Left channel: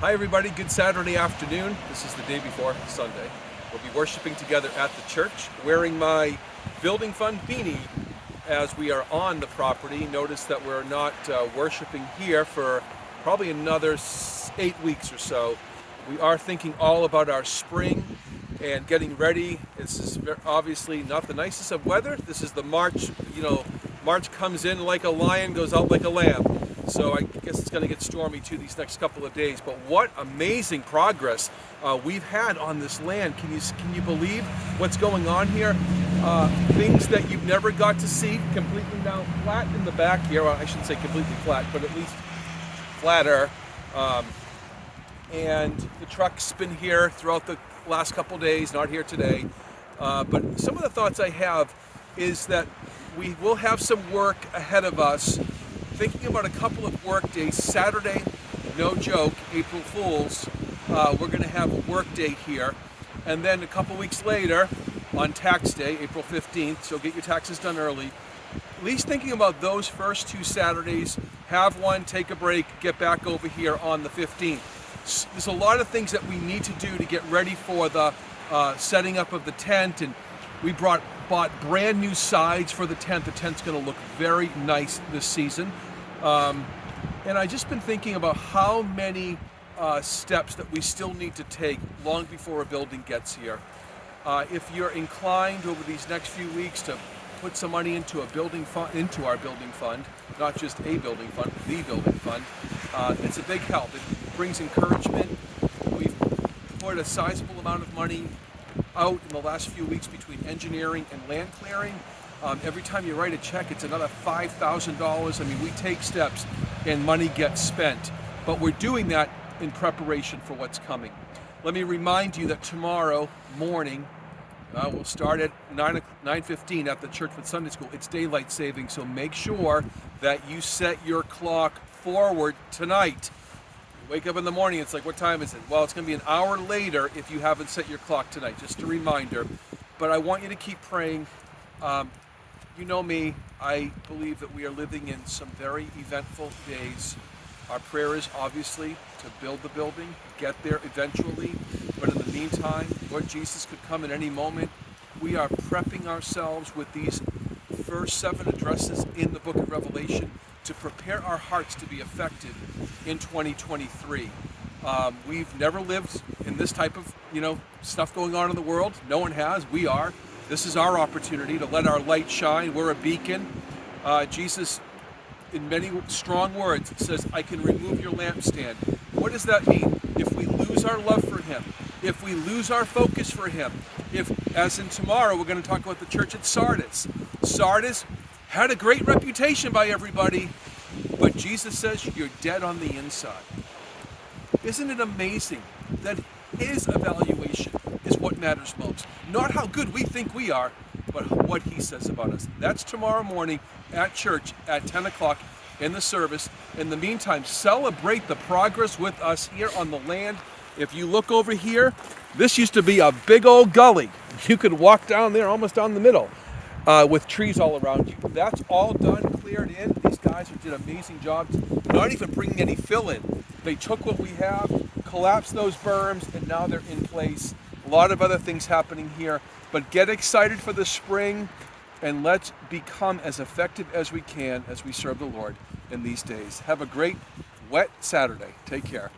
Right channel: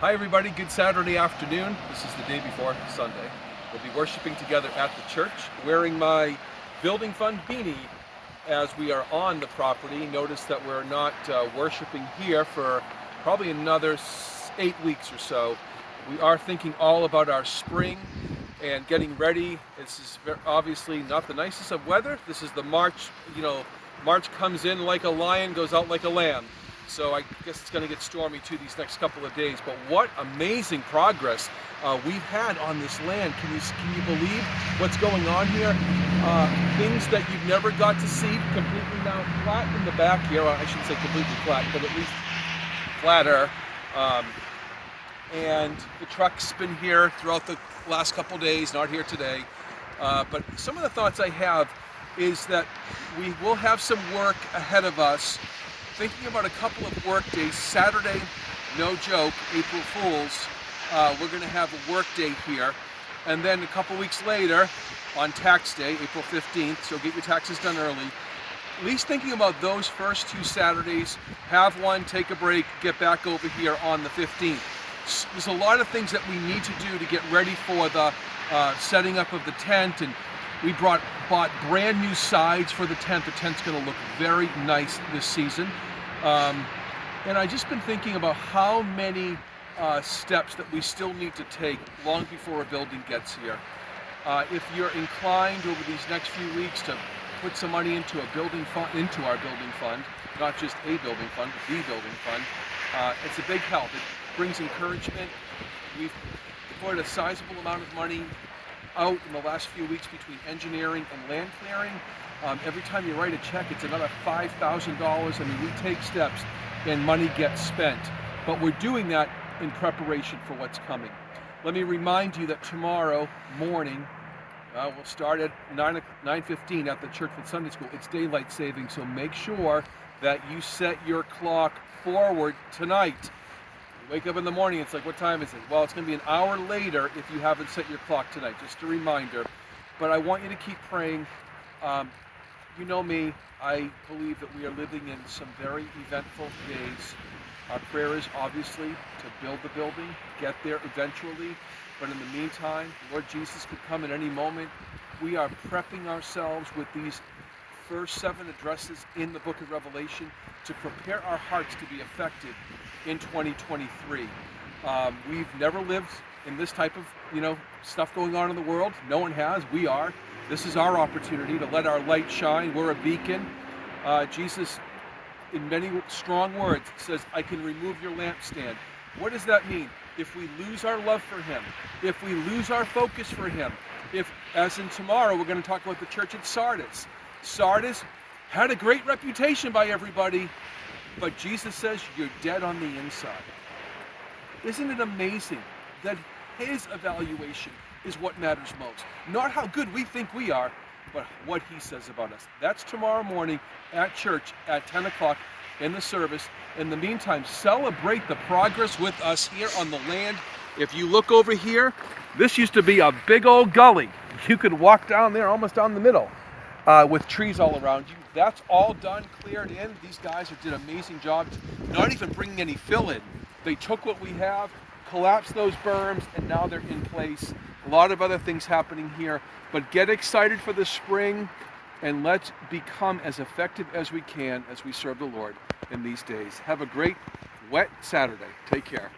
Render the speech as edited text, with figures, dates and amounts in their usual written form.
Hi everybody, good Saturday afternoon. This is the day before Sunday. We'll be worshiping together at the church, wearing my building fund beanie as we are on the property. Notice that we're not worshiping here for probably another 8 weeks or so. We are thinking all about our spring and getting ready. This is obviously not the nicest of weather. This is the March, March comes in like a lion, goes out like a lamb. So I guess it's going to get stormy too these next couple of days. But what amazing progress we've had on this land. Can you believe what's going on here? Things that you've never got to see, completely now flat in the back here. Well, I shouldn't say completely flat, but at least flatter. And the truck's been here throughout the last couple of days, not here today. But some of the thoughts I have is that we will have some work ahead of us. Thinking about a couple of work days. Saturday, no joke, April Fools, we're going to have a work day here. And then a couple weeks later, on tax day, April 15th, so get your taxes done early. At least thinking about those first two Saturdays, have one, take a break, get back over here on the 15th. There's a lot of things that we need to do to get ready for the setting up of the tent, and we bought brand new sides for the tent. The tent's going to look very nice this season. And I've just been thinking about how many steps that we still need to take long before a building gets here. If you're inclined over these next few weeks to put some money into our building fund, not just a building fund, the building fund, it's a big help. It brings encouragement. We've put a sizable amount of money out in the last few weeks between engineering and land clearing. Every time you write a check, it's another $5,000. I mean, we take steps and money gets spent. But we're doing that in preparation for what's coming. Let me remind you that tomorrow morning, we'll start at 9:15 at the church with Sunday school. It's daylight saving, so make sure that you set your clock forward tonight. You wake up in the morning, it's like, what time is it? Well, it's going to be an hour later if you haven't set your clock tonight. Just a reminder. But I want you to keep praying. You know me, I believe that we are living in some very eventful days. Our prayer is obviously to build the building, get there eventually, but in the meantime, Lord Jesus could come at any moment. We are prepping ourselves with these first 7 addresses in the book of Revelation to prepare our hearts to be effective in 2023. We've never lived in this type of, stuff going on in the world. No one has. We are. This is our opportunity to let our light shine. We're a beacon. Jesus, in many strong words, says, I can remove your lampstand. What does that mean? If we lose our love for him, if we lose our focus for him, as in tomorrow, we're going to talk about the church at Sardis. Sardis had a great reputation by everybody, but Jesus says you're dead on the inside. Isn't it amazing that his evaluation is what matters most? Not how good we think we are, but what he says about us. That's tomorrow morning at church at 10 o'clock in the service. In the meantime, celebrate the progress with us here on the land. If you look over here, this used to be a big old gully. You could walk down there almost down the middle with trees all around you. That's all done, cleared in. These guys have did an amazing job, not even bringing any fill in. They took what we have, collapsed those berms, and now they're in place. A lot of other things happening here, but get excited for the spring and let's become as effective as we can as we serve the Lord in these days. Have a great, wet Saturday. Take care.